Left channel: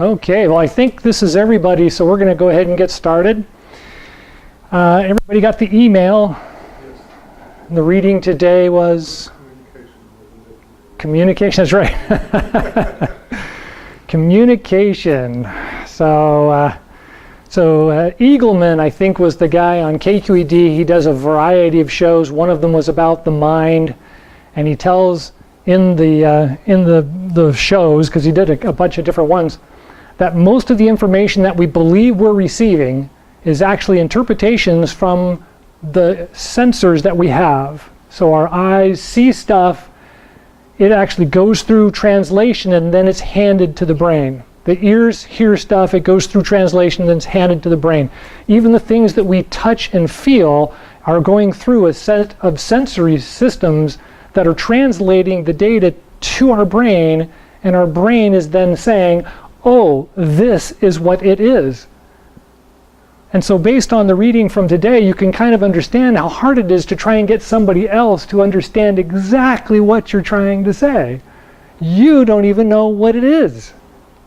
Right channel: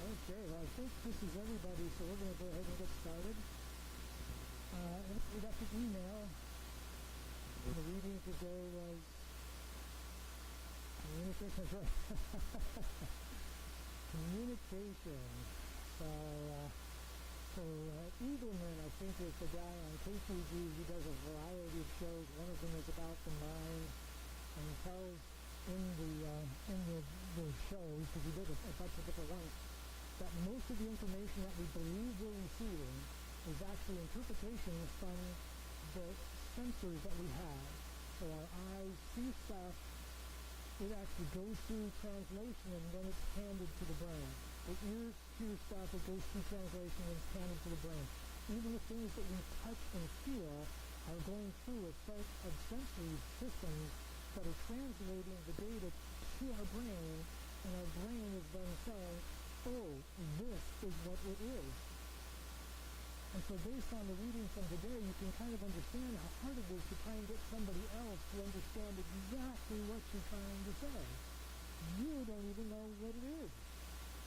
Okay, well I think this is everybody, so we're going to go ahead and get started. Everybody got the email? Yes. The reading today was? Communication, that's right. Communication. So Eagleman, I think, was the guy on KQED. He does a variety of shows. One of them was about the mind, and he tells in the shows, because he did a bunch of different ones, that most of the information that we believe we're receiving is actually interpretations from the sensors that we have. So our eyes see stuff, it actually goes through translation, and then it's handed to the brain. The ears hear stuff, it goes through translation, then it's handed to the brain. Even the things that we touch and feel are going through a set of sensory systems that are translating the data to our brain, and our brain is then saying, oh, this is what it is. And so based on the reading from today, you can kind of understand how hard it is to try and get somebody else to understand exactly what you're trying to say. You don't even know what it is.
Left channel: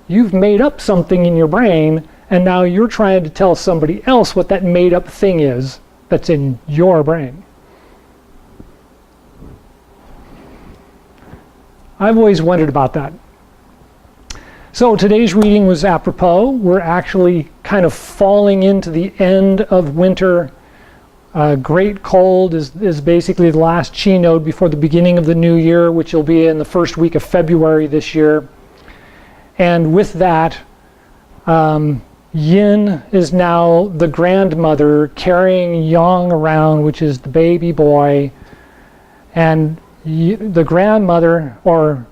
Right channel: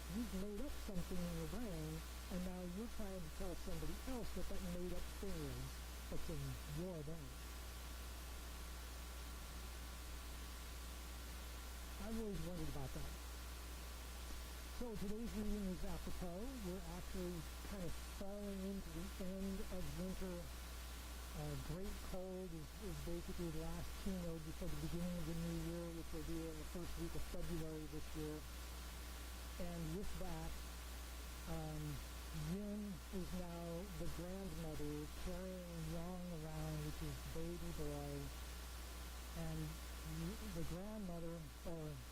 You've made up something in your brain, and now you're trying to tell somebody else what that made up thing is that's in your brain. I've always wondered about that. So today's reading was apropos. We're actually kind of falling into the end of winter. Great cold is basically the last Chi node before the beginning of the new year, which will be in the first week of February this year. And with that, Yin is now the grandmother carrying Yang around, which is the baby boy. And the grandmother, or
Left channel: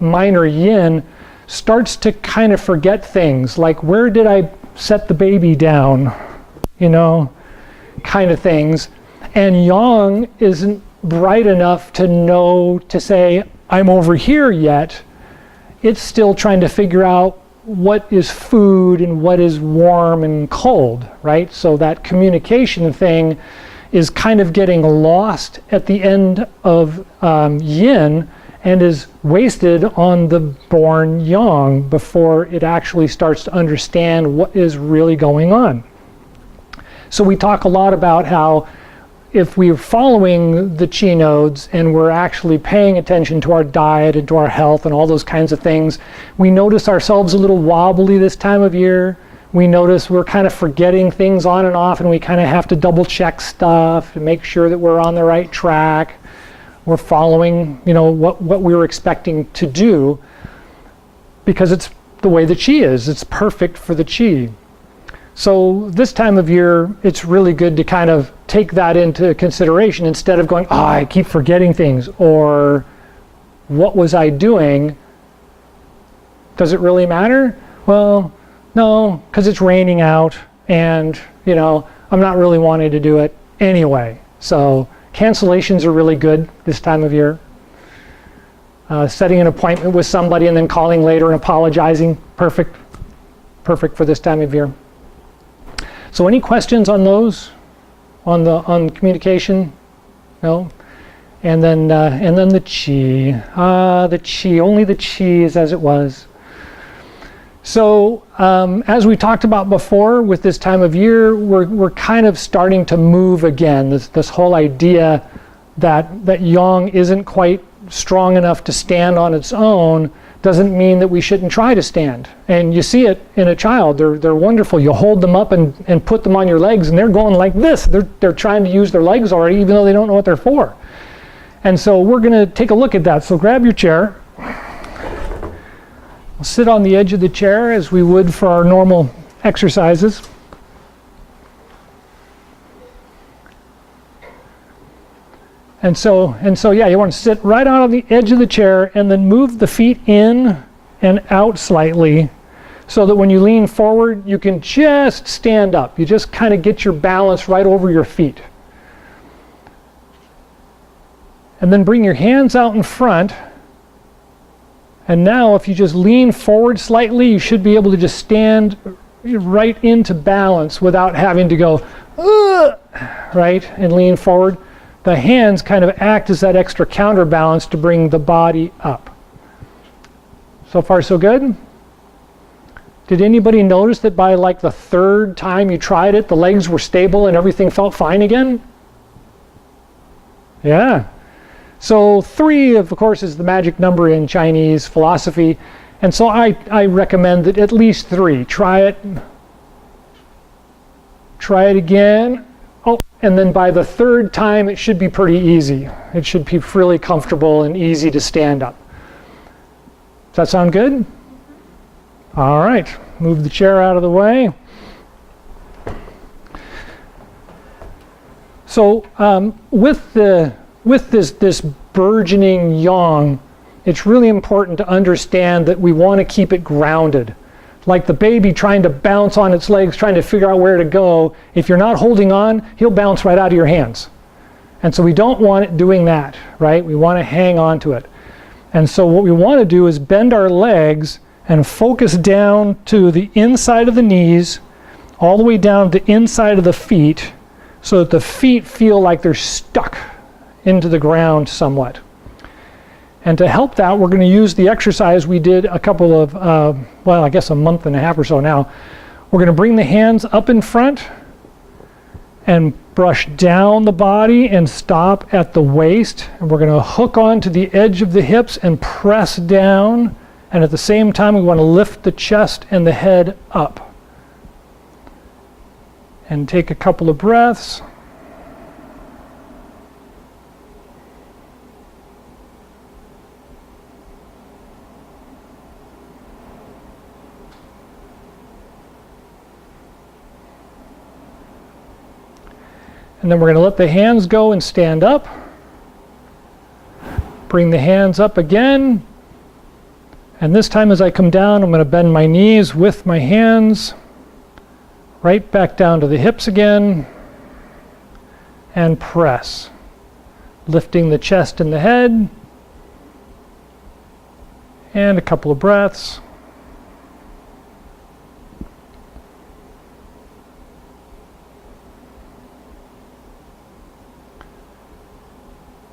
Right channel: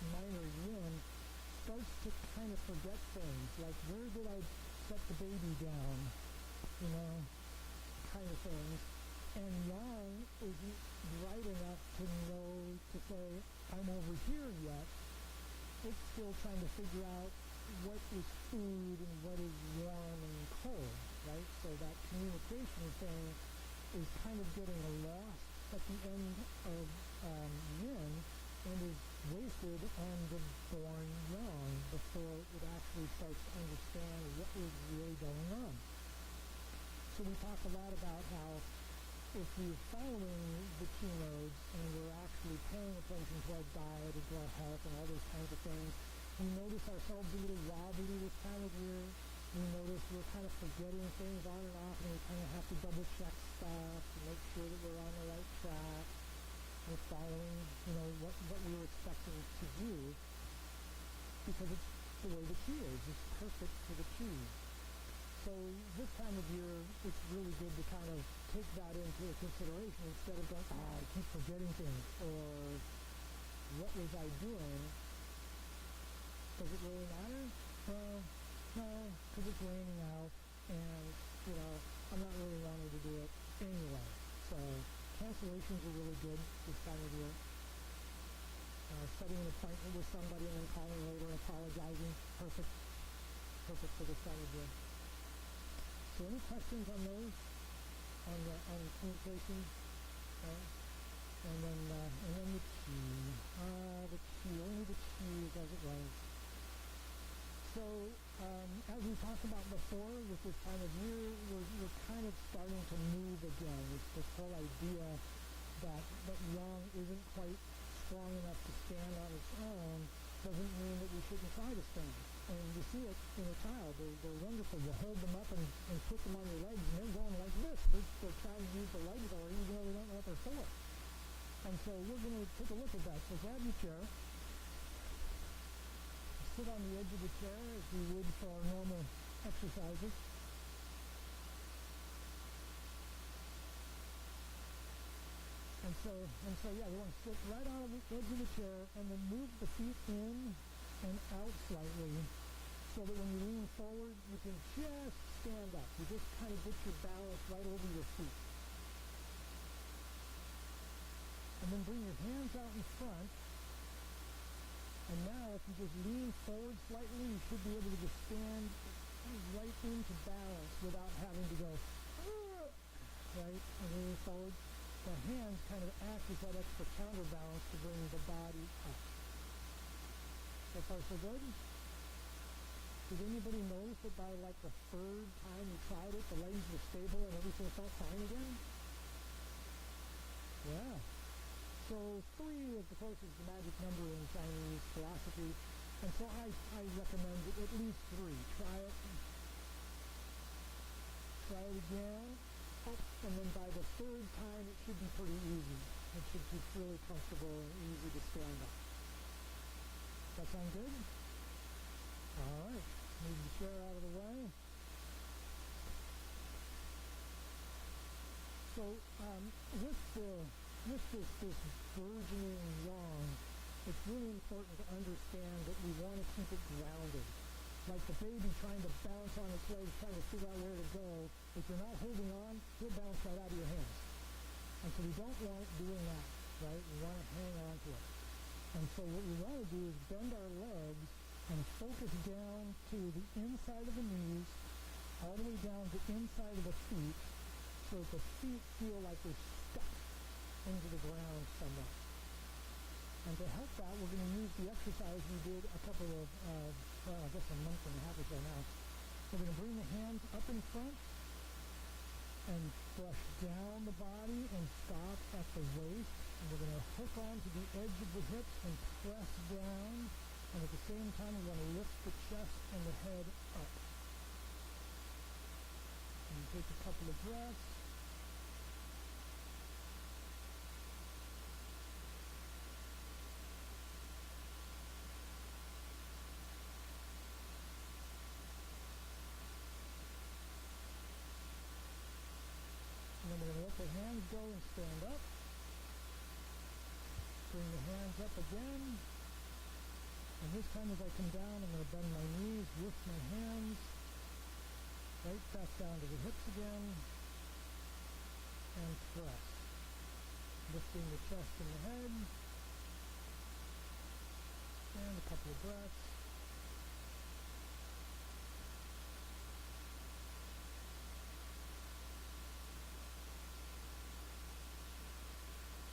minor Yin, starts to kind of forget things, like where did I set the baby down, kind of things. And Yang isn't bright enough to know to say, I'm over here yet. It's still trying to figure out what is food and what is warm and cold, right? So that communication thing is kind of getting lost at the end of Yin, and is wasted on the born Yang before it actually starts to understand what is really going on. So we talk a lot about how if we're following the Chi nodes and we're actually paying attention to our diet and to our health and all those kinds of things, we notice ourselves a little wobbly this time of year. We notice we're kind of forgetting things on and off, and we kind of have to double check stuff to make sure that we're on the right track. We're following, what we were expecting to do, because it's the way the Chi is. It's perfect for the Chi. So this time of year, it's really good to kind of take that into consideration instead of going, I keep forgetting things, or what was I doing? Does it really matter? Well, no, because it's raining out, and I'm not really wanting to do it anyway. So cancellations are really good this time of year. Setting an appointment with somebody and then calling later and apologizing, perfect for this time of year. So any questions on those, on communication? No? And then the Chi. The Chi, only the Chi is as it was. So as we talked about before, with this time of year, we're kind of starting to move again. This whole idea that Yang isn't quite strong enough to stand on its own doesn't mean that we shouldn't try to stand. And you see it in a child. They're wonderful. You hold them up and put them on your legs, and they're going like this. They're trying to use their legs already, even though they don't know what they're for. And so we're going to take a look at that. So grab your chair. We'll sit on the edge of the chair as we would for our normal exercises. And so yeah, you want to sit right out on the edge of the chair and then move the feet in and out slightly so that when you lean forward, you can just stand up. You just kind of get your balance right over your feet. And then bring your hands out in front. And now if you just lean forward slightly, you should be able to just stand right into balance without having to go, right, and lean forward. The hands kind of act as that extra counterbalance to bring the body up. So far, so good? Did anybody notice that by like the third time you tried it, the legs were stable and everything felt fine again? Yeah. So 3, of course, is the magic number in Chinese philosophy. And so I recommend that at least 3. Try it. Try it again. Oh, and then by the 3rd time, it should be pretty easy. It should be really comfortable and easy to stand up. Does that sound good? All right. Move the chair out of the way. So with this burgeoning yang, it's really important to understand that we want to keep it grounded. Like the baby trying to bounce on its legs, trying to figure out where to go. If you're not holding on, he'll bounce right out of your hands. And so we don't want it doing that, right? We want to hang on to it. And so what we want to do is bend our legs and focus down to the inside of the knees, all the way down to the inside of the feet, so that the feet feel like they're stuck into the ground somewhat. And to help that, we're going to use the exercise we did a couple of, well, I guess a month and a half or so now. We're going to bring the hands up in front and brush down the body and stop at the waist. And we're going to hook onto the edge of the hips and press down. And at the same time, we want to lift the chest and the head up. And take a couple of breaths. And then we're going to let the hands go and stand up. Bring the hands up again. And this time as I come down, I'm going to bend my knees with my hands. Right back down to the hips again. And press. Lifting the chest and the head. And a couple of breaths.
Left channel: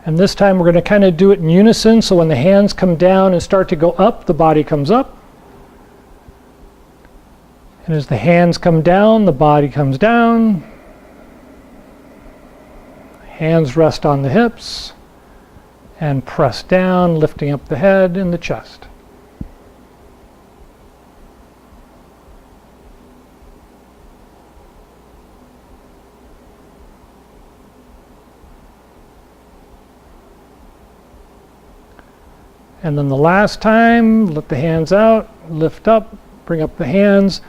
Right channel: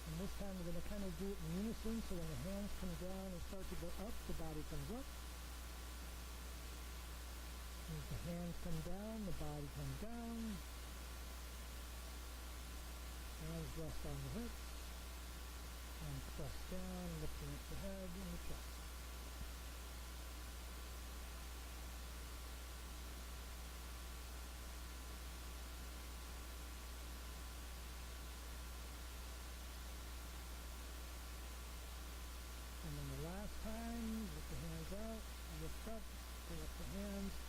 And this time we're going to kind of do it in unison, so when the hands come down and start to go up, the body comes up. And as the hands come down, the body comes down. Hands rest on the hips and press down, lifting up the head and the chest. And then the last time, let the hands out, lift up, bring up the hands.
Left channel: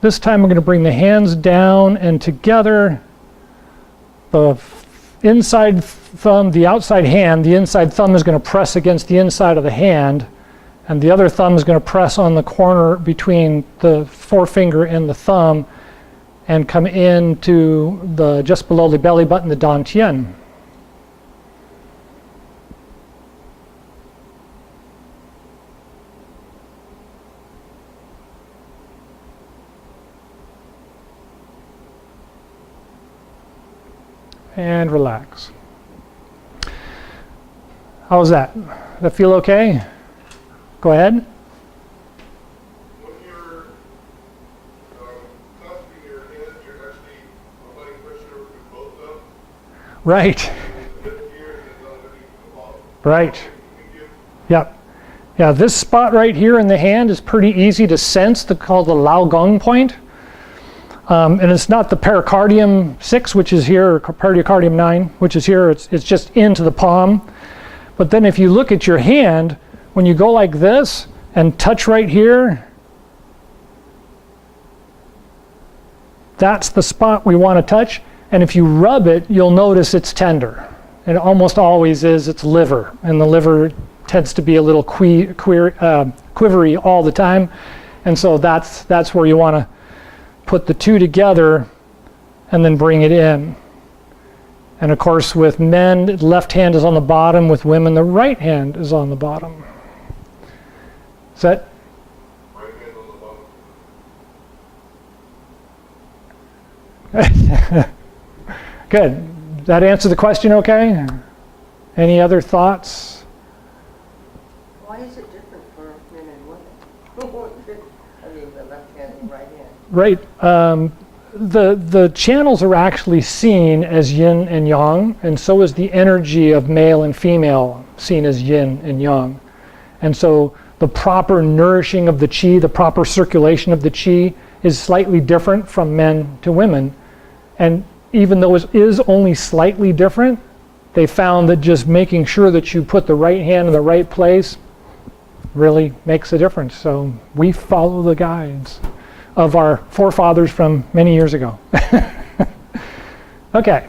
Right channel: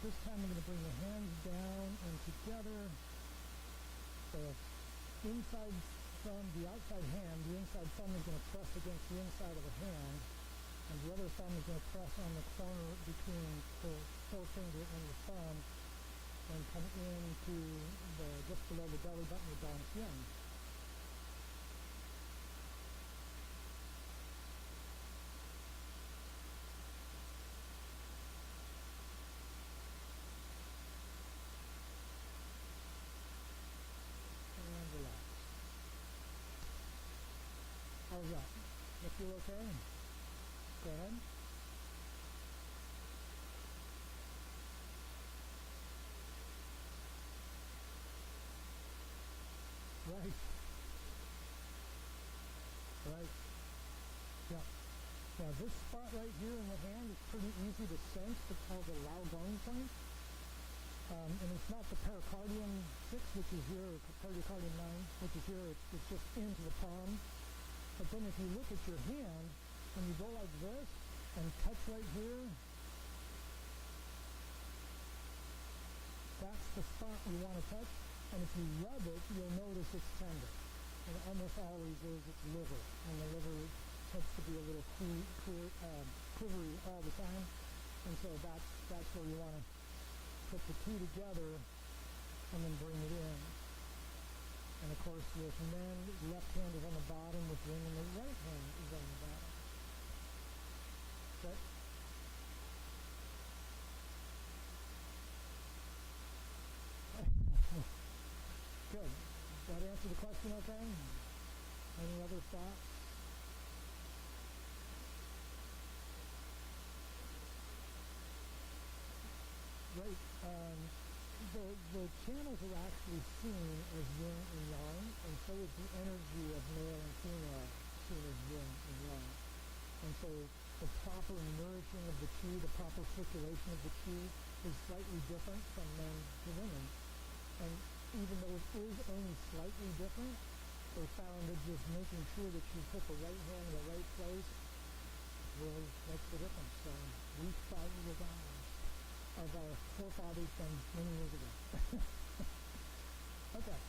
This time we're going to bring the hands down and together. The inside thumb, the outside hand, the inside thumb is going to press against the inside of the hand. And the other thumb is going to press on the corner between the forefinger and the thumb and come into the just below the belly button, the dantian. And relax. How's that? Does that feel okay? Go ahead. When you're clasping your hands, you're actually applying pressure with both of them. Right. Right. Yep. Yeah, this spot right here in the hand is pretty easy to sense, called the Lao Gong point. And it's not the pericardium 6, which is here, or pericardium 9, which is here. It's just into the palm. But then if you look at your hand, when you go like this and touch right here, that's the spot we want to touch. And if you rub it, you'll notice it's tender. It almost always is. It's liver. And the liver tends to be a little quivery all the time. And so that's where you want to put the two together and then bring it in. And of course with men, the left hand is on the bottom. With women, the right hand is on the bottom. Is that? Right hand on the bottom. Good. Does that answer the question okay? Any other thoughts? Why is it different for men and women? I mean, the left hand Right. The channels are actually seen as yin and yang, and so is the energy of male and female seen as yin and yang. And so the proper nourishing of the chi, the proper circulation of the chi is slightly different from men to women. And even though it is only slightly different, they found that just making sure that you put the right hand in the right place really makes a difference. So we follow the guides of our forefathers from many years ago. Okay,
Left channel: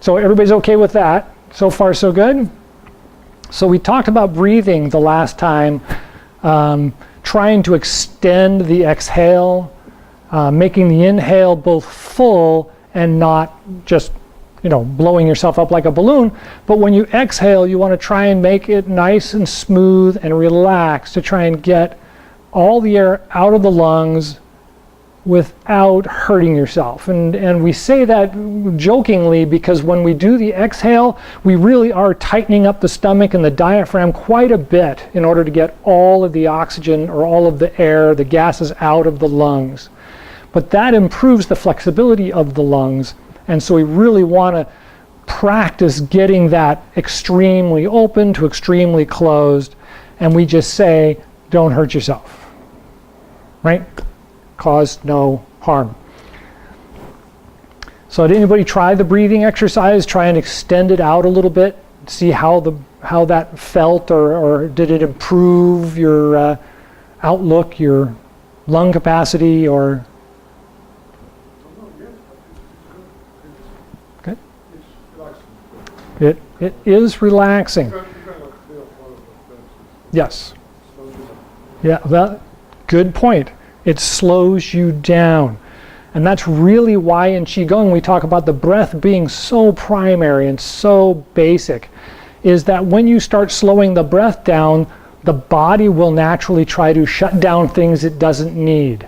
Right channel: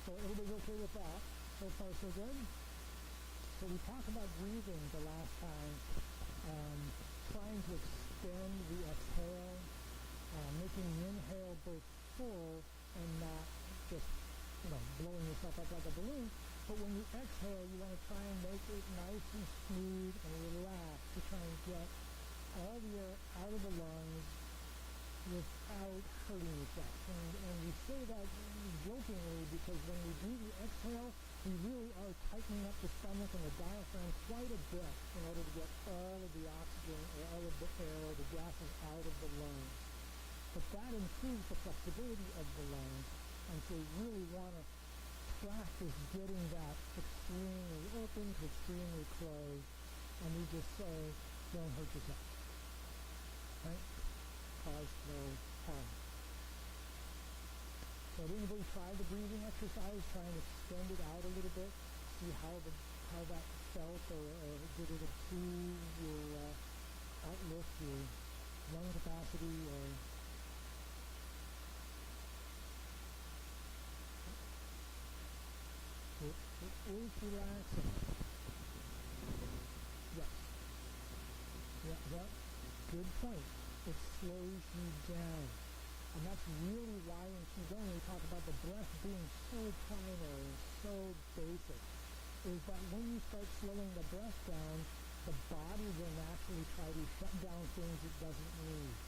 so everybody's okay with that? So far, so good? So we talked about breathing the last time, trying to extend the exhale, making the inhale both full and not just, blowing yourself up like a balloon. But when you exhale, you want to try and make it nice and smooth and relaxed to try and get all the air out of the lungs without hurting yourself. And we say that jokingly because when we do the exhale, we really are tightening up the stomach and the diaphragm quite a bit in order to get all of the oxygen or all of the air, the gases out of the lungs. But that improves the flexibility of the lungs. And so we really want to practice getting that extremely open to extremely closed. And we just say, don't hurt yourself, right? Cause no harm. So did anybody try the breathing exercise? Try and extend it out a little bit. See how that felt, or did it improve your outlook, your lung capacity, or? Okay. It is relaxing. Yes. Yeah. That good point. It slows you down. And that's really why in Qigong we talk about the breath being so primary and so basic, is that when you start slowing the breath down, the body will naturally try to shut down things it doesn't need.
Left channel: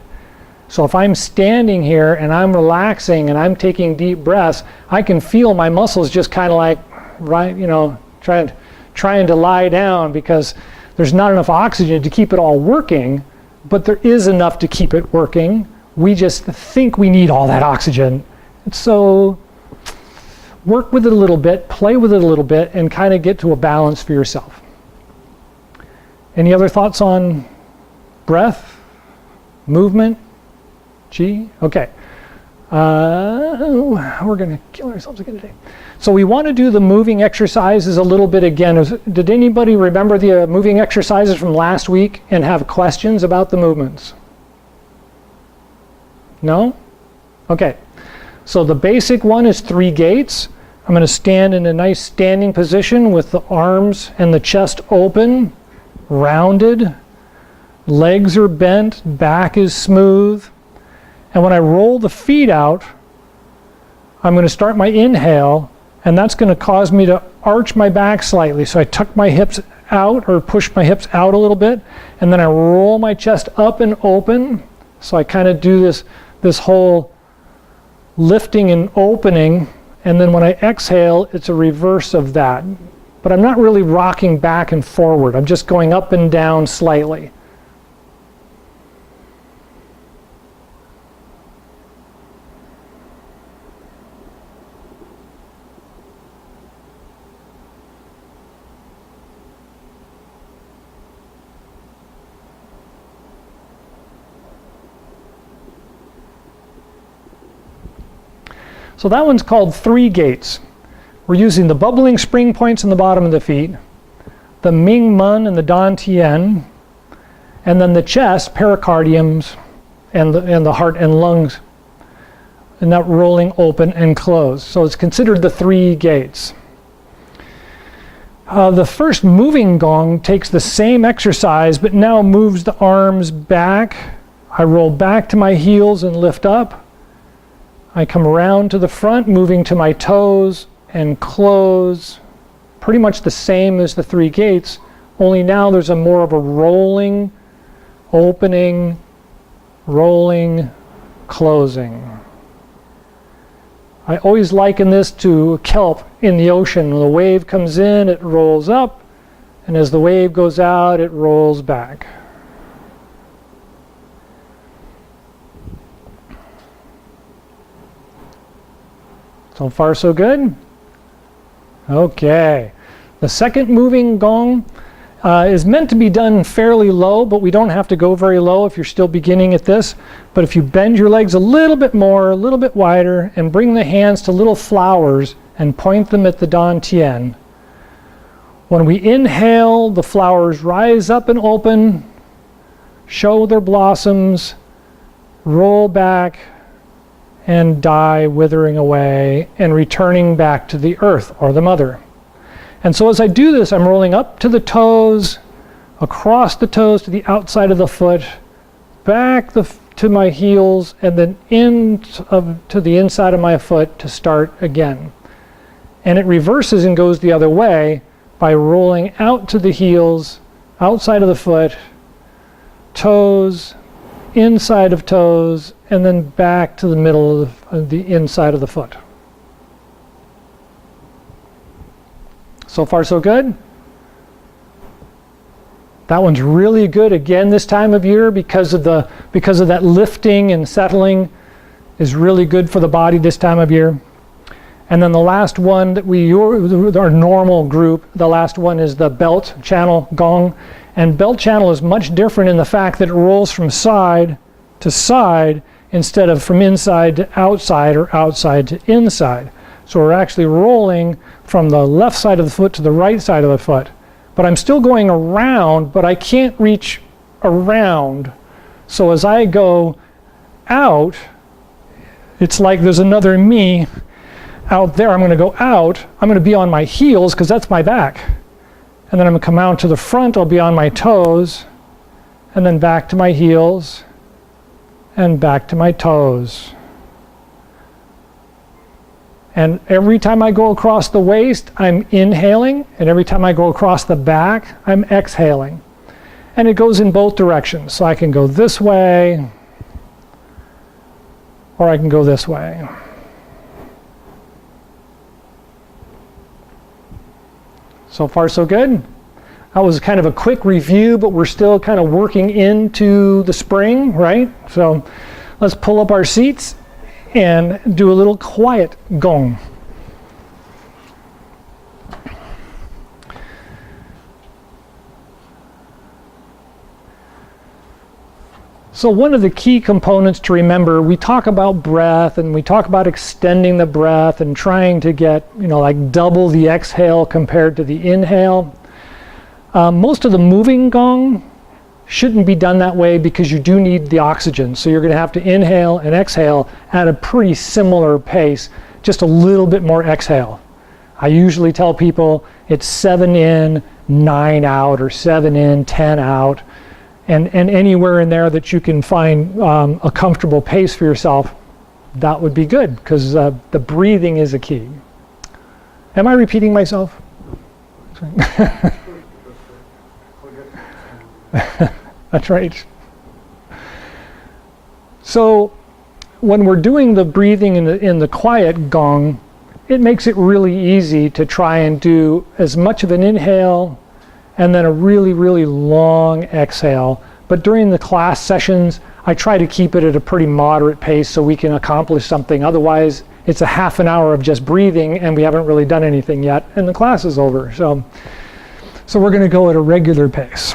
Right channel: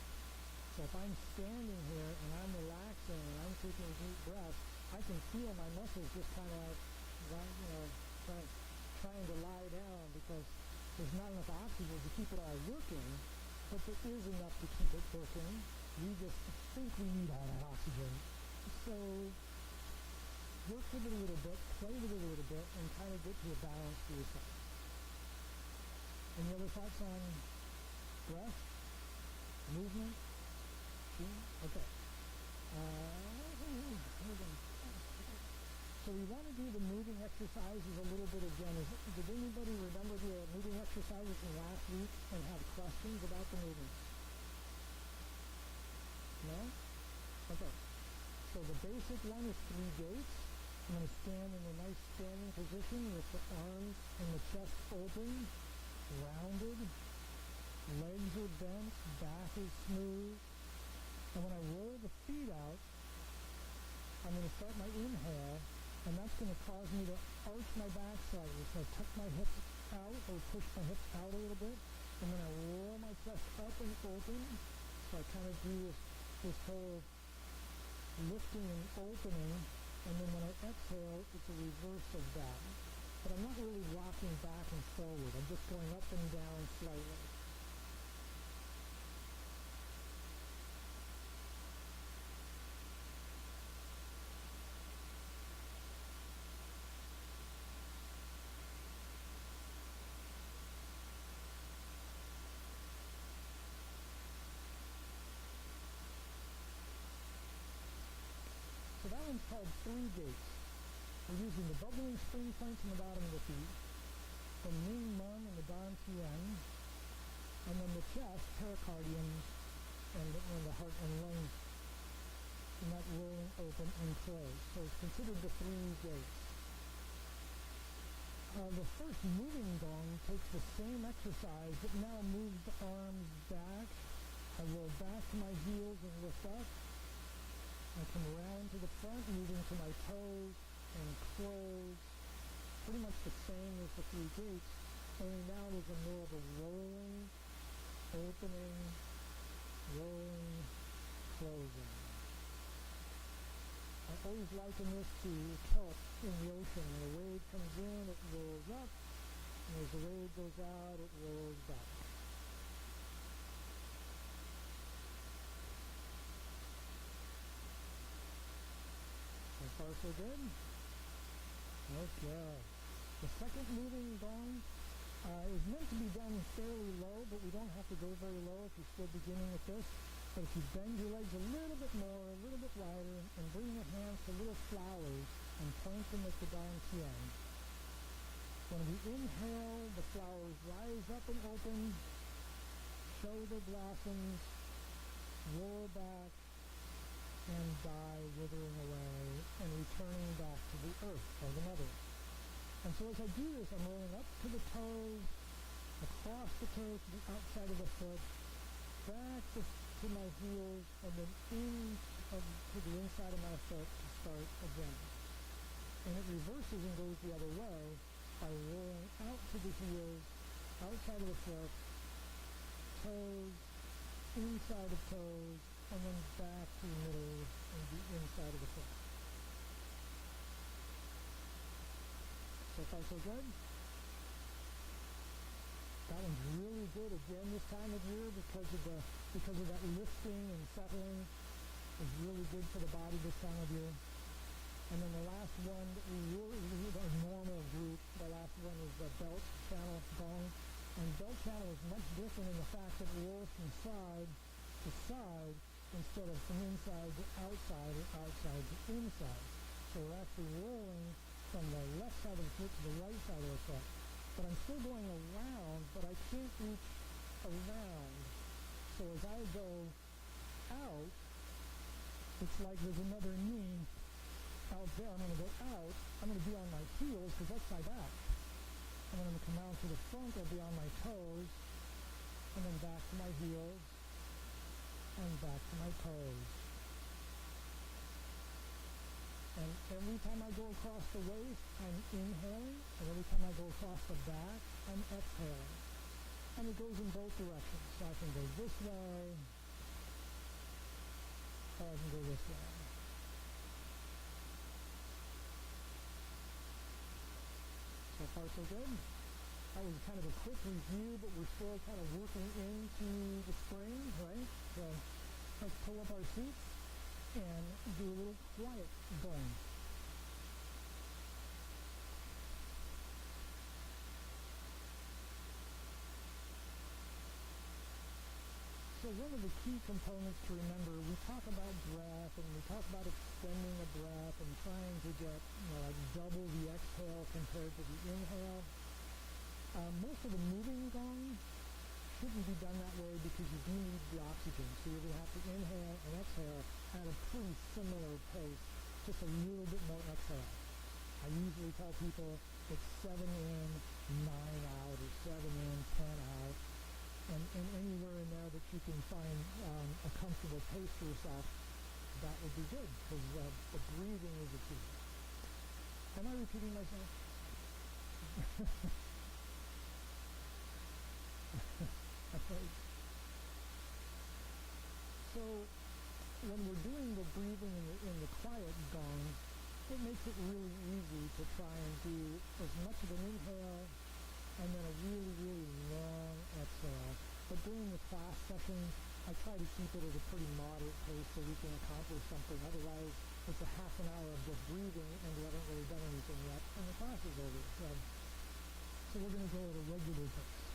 So if I'm standing here and I'm relaxing and I'm taking deep breaths, I can feel my muscles just kind of like, right, trying to lie down because there's not enough oxygen to keep it all working. But there is enough to keep it working. We just think we need all that oxygen. So work with it a little bit, play with it a little bit, and kind of get to a balance for yourself. Any other thoughts on breath, movement, chi? Okay. We're going to kill ourselves again today. So we want to do the moving exercises a little bit again. Did anybody remember the moving exercises from last week and have questions about the movements? No? Okay. So the basic one is 3 gates. I'm going to stand in a nice standing position with the arms and the chest open, rounded. Legs are bent, back is smooth. And when I roll the feet out, I'm going to start my inhale, and that's going to cause me to arch my back slightly. So I tuck my hips out or push my hips out a little bit, and then I roll my chest up and open. So I kind of do this whole lifting and opening, and then when I exhale, it's a reverse of that. But I'm not really rocking back and forward. I'm just going up and down slightly. So that one's called 3 gates. We're using the bubbling spring points in the bottom of the feet, the Ming Men and the Dan Tian, and then the chest, pericardiums, and the heart and lungs, and that rolling open and close. So it's considered the 3 gates. The first moving gong takes the same exercise, but now moves the arms back. I roll back to my heels and lift up. I come around to the front, moving to my toes and close. Pretty much the same as the 3 gates, only now there's more of a rolling, opening, rolling, closing. I always liken this to kelp in the ocean. When the wave comes in, it rolls up, and as the wave goes out, it rolls back. So far, so good? Okay. The second moving gong is meant to be done fairly low, but we don't have to go very low if you're still beginning at this. But if you bend your legs a little bit more, a little bit wider, and bring the hands to little flowers and point them at the dantian. When we inhale, the flowers rise up and open, show their blossoms, roll back, and die, withering away and returning back to the earth or the mother. And so as I do this, I'm rolling up to the toes, across the toes to the outside of the foot, back to my heels, and then to the inside of my foot to start again. And it reverses and goes the other way by rolling out to the heels, outside of the foot, toes, inside of toes, and then back to the middle of the inside of the foot. So far, so good? That one's really good again this time of year because of that lifting and settling is really good for the body this time of year. And then the last one that our normal group, the last one is the belt channel gong. And belt channel is much different in the fact that it rolls from side to side instead of from inside to outside or outside to inside. So we're actually rolling from the left side of the foot to the right side of the foot. But I'm still going around, but I can't reach around. So as I go out, it's like there's another me out there. I'm going to go out. I'm going to be on my heels because that's my back. And then I'm going to come out to the front. I'll be on my toes. And then back to my heels. And back to my toes. And every time I go across the waist, I'm inhaling. And every time I go across the back, I'm exhaling. And it goes in both directions. So I can go this way, or I can go this way. So far, so good. That was kind of a quick review, but we're still kind of working into the spring, right? So let's pull up our seats and do a little quiet gong. So one of the key components to remember, we talk about breath and we talk about extending the breath and trying to get, like double the exhale compared to the inhale. Most of the moving gong shouldn't be done that way because you do need the oxygen. So you're going to have to inhale and exhale at a pretty similar pace, just a little bit more exhale. I usually tell people it's 7 in, 9 out, or 7 in, 10 out. And anywhere in there that you can find a comfortable pace for yourself, that would be good because the breathing is a key. Am I repeating myself? That's right. So when we're doing the breathing in the quiet gong, it makes it really easy to try and do as much of an inhale and then a really, really long exhale. But during the class sessions, I try to keep it at a pretty moderate pace so we can accomplish something. Otherwise, it's a half an hour of just breathing and we haven't really done anything yet and the class is over. So we're going to go at a regular pace.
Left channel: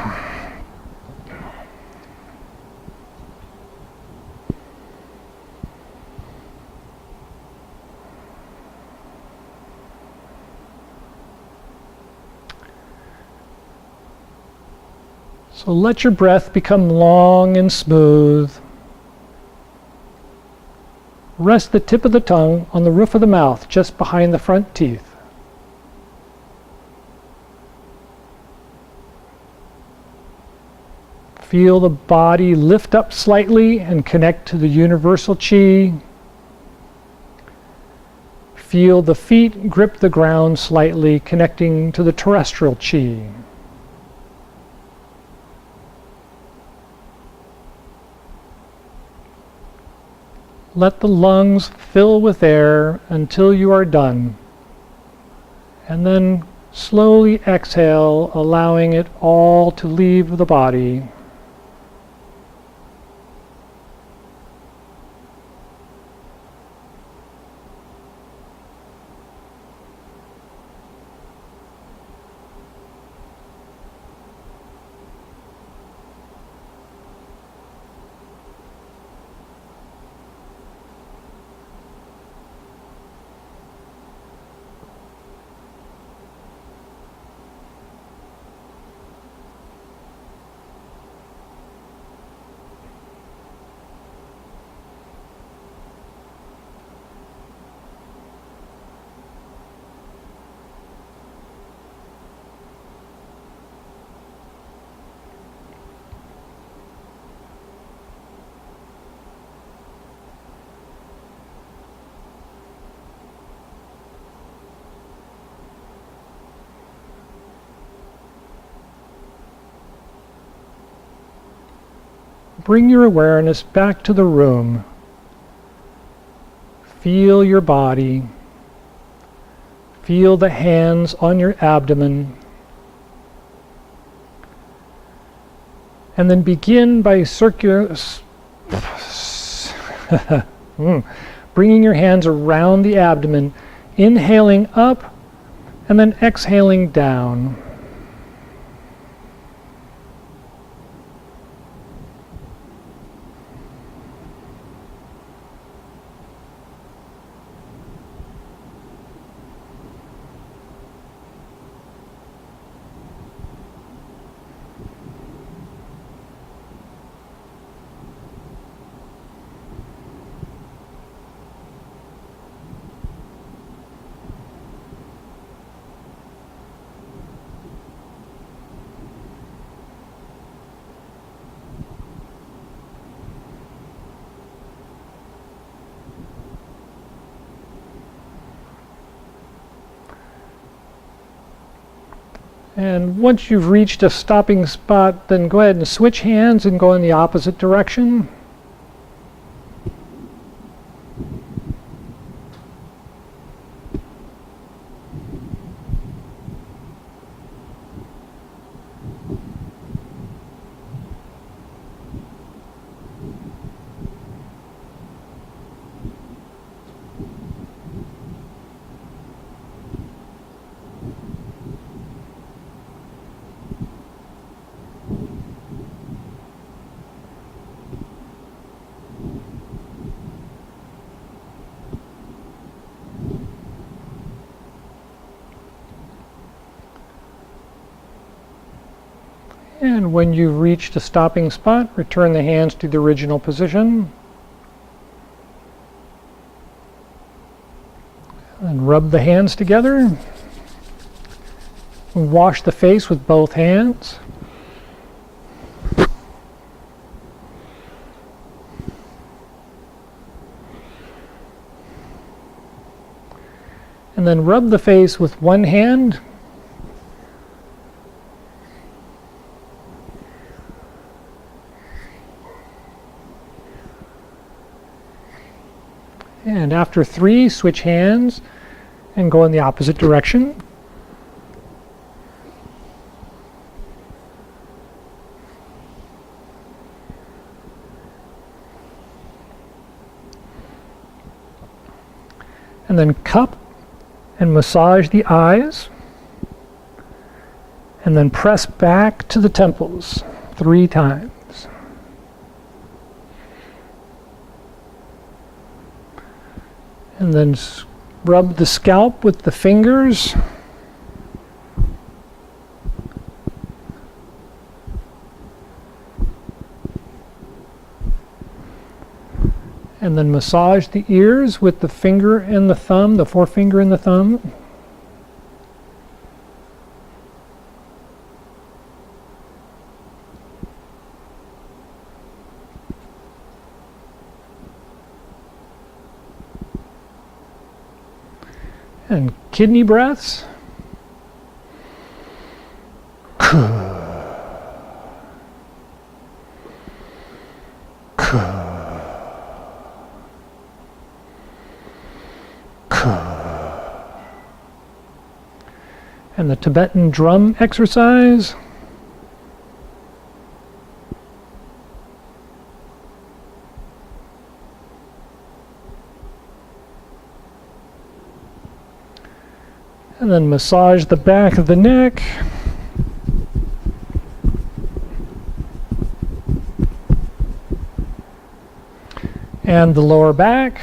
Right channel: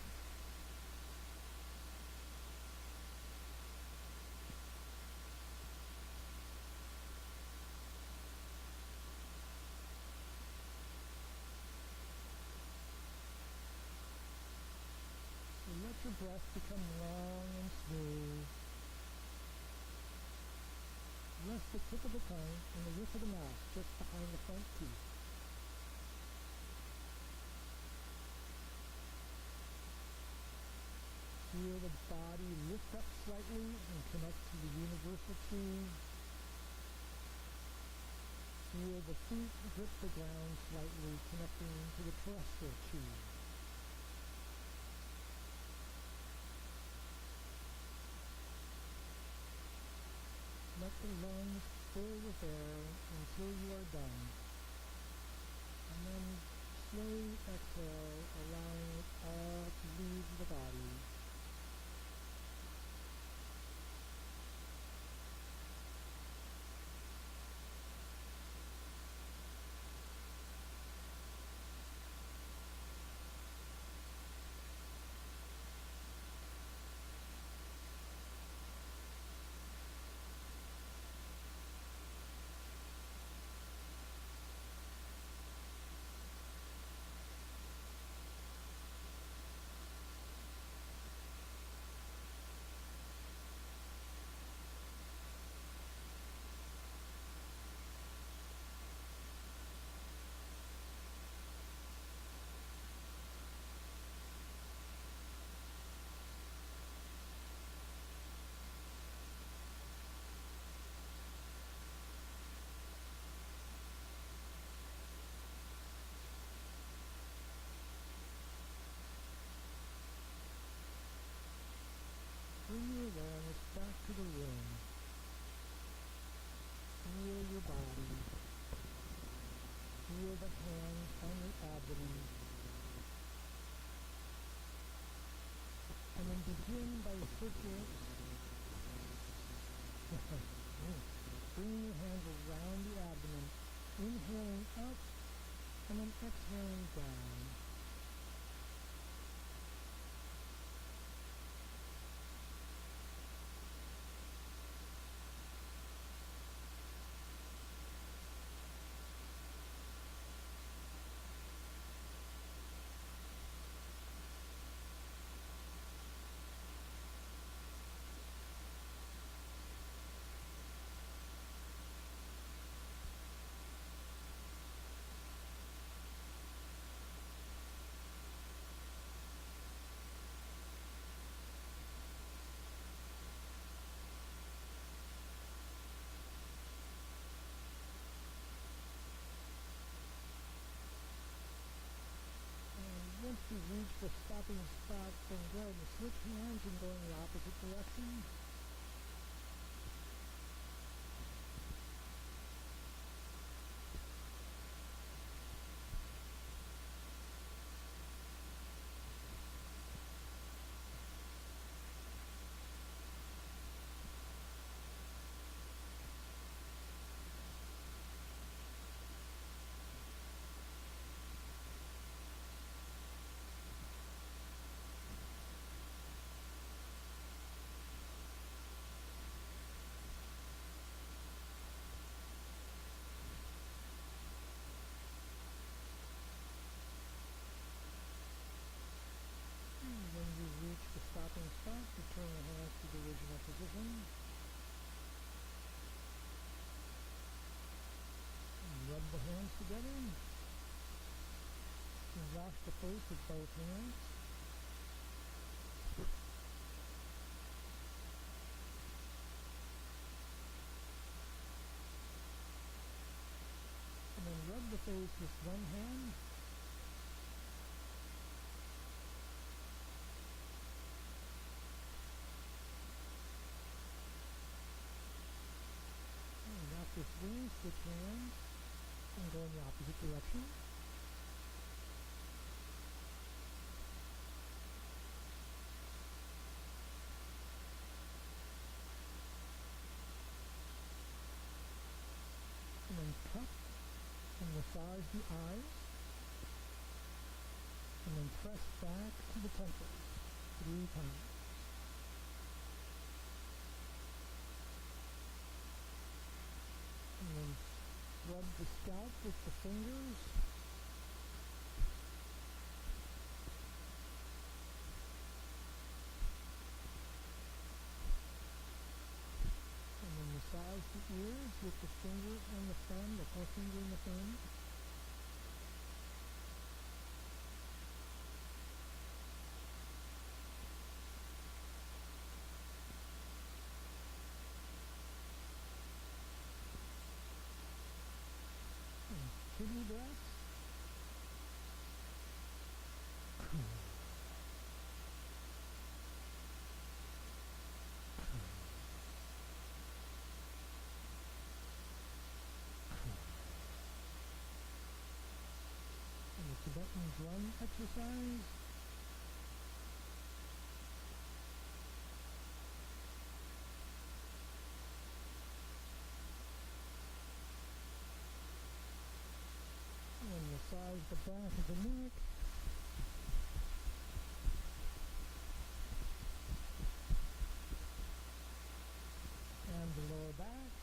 So let your breath become long and smooth. Rest the tip of the tongue on the roof of the mouth, just behind the front teeth. Feel the body lift up slightly and connect to the universal chi. Feel the feet grip the ground slightly, connecting to the terrestrial chi. Let the lungs fill with air until you are done. And then slowly exhale, allowing it all to leave the body. bring your awareness back to the room. Feel your body. Feel the hands on your abdomen. And then begin by bringing your hands around the abdomen, inhaling up and then exhaling down. And once you've reached a stopping spot, then go ahead and switch hands and go in the opposite direction. And when you've reached a stopping spot, return the hands to the original position. And rub the hands together. Wash the face with both hands. And then rub the face with one hand. And after 3, switch hands and go in the opposite direction. And then cup and massage the eyes. And then press back to the temples 3 times. And then rub the scalp with the fingers. And then massage the ears with the finger and the thumb, the forefinger and the thumb. And kidney breaths. And the Tibetan drum exercise. And then massage the back of the neck. And the lower back.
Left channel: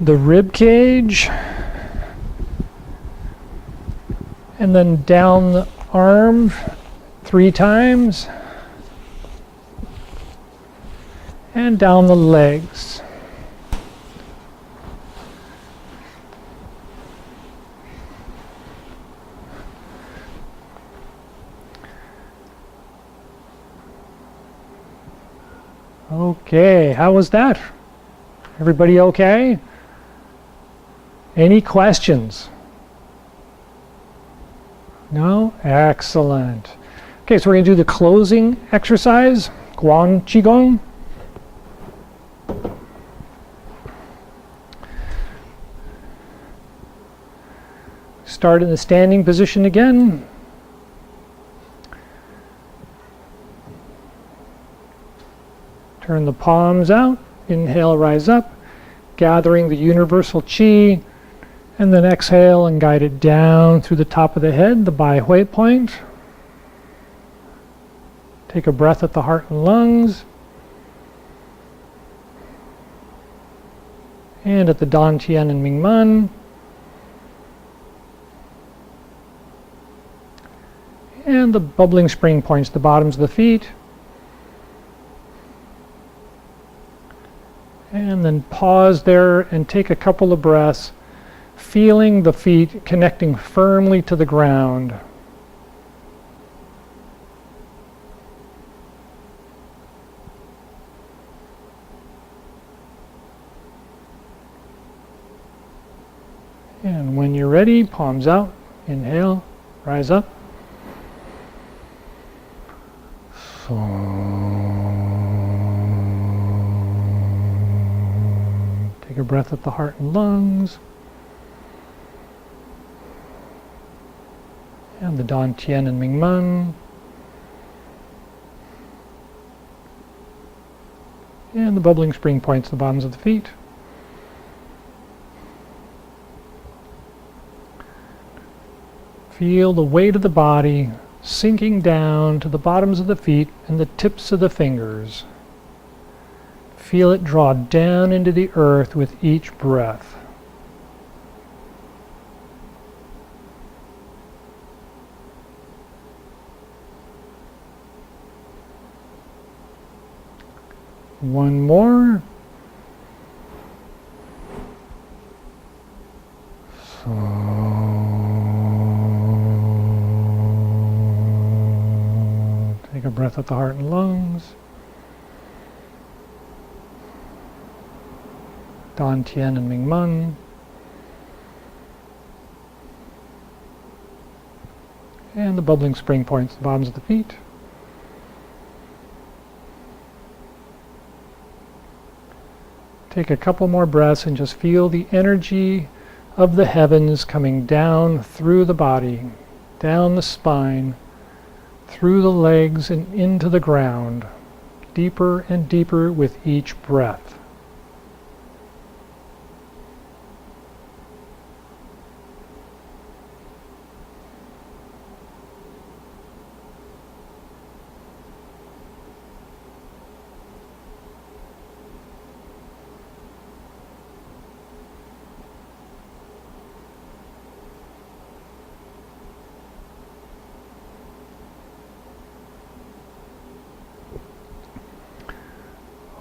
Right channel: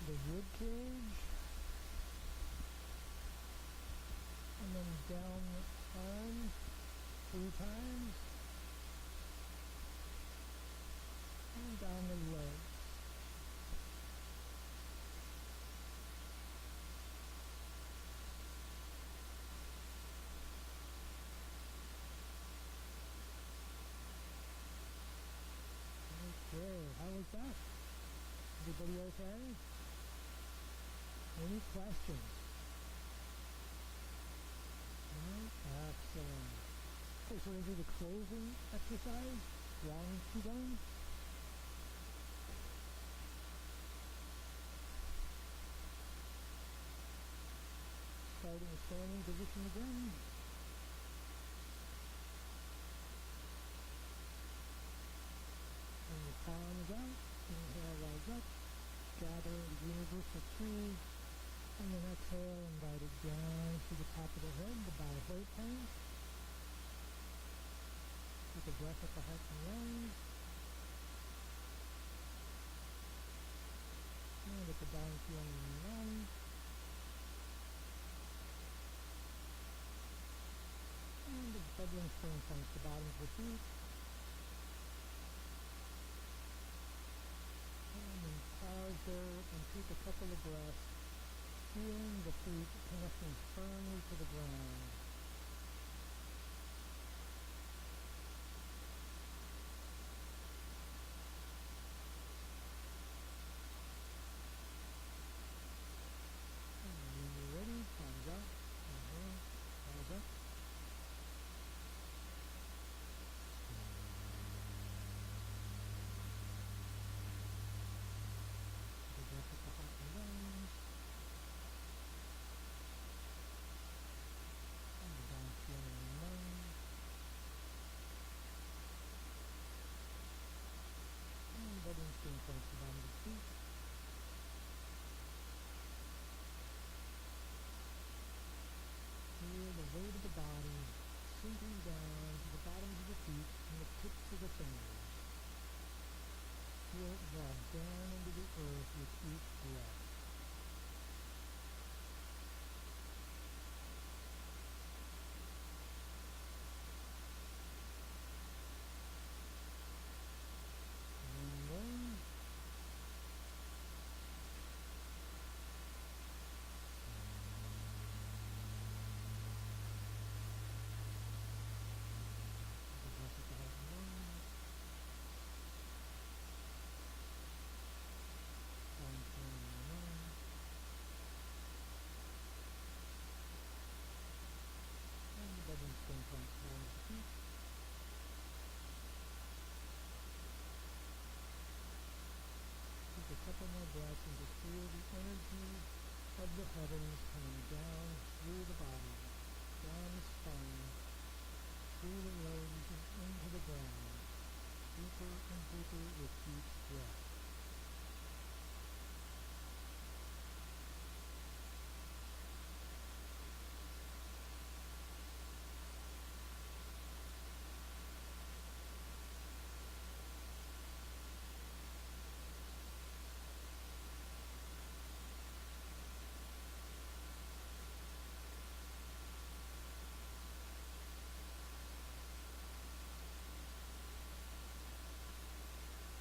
The rib cage. And then down the arm 3 times. And down the legs. Okay, how was that? Everybody okay? Any questions? No? Excellent. Okay, so we're going to do the closing exercise, Guan Qigong. Start in the standing position again. Turn the palms out. Inhale, rise up, gathering the universal chi, and then exhale and guide it down through the top of the head, the Bai Hui point. Take a breath at the heart and lungs. And at the Dan Tian and Ming Man. And the bubbling spring points, the bottoms of the feet. And then pause there and take a couple of breaths, feeling the feet connecting firmly to the ground. And when you're ready, palms out, inhale, rise up. Take a breath at the heart and lungs. And the Dan Tian and Ming Man. And the bubbling spring points, the bottoms of the feet. Feel the weight of the body sinking down to the bottoms of the feet and the tips of the fingers. Feel it draw down into the earth with each breath. One more. Take a breath at the heart and lungs. Dan Tian and Ming Man. And the bubbling spring points, the bottoms of the feet. Take a couple more breaths and just feel the energy of the heavens coming down through the body, down the spine, through the legs and into the ground, deeper and deeper with each breath.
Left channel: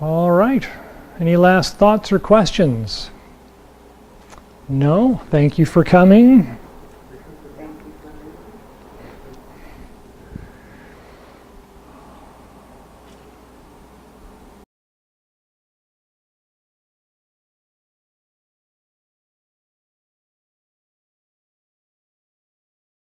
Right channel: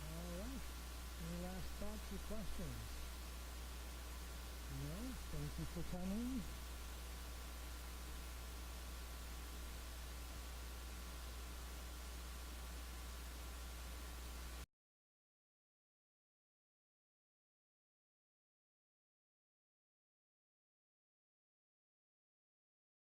All right. Any last thoughts or questions? No? Thank you for coming.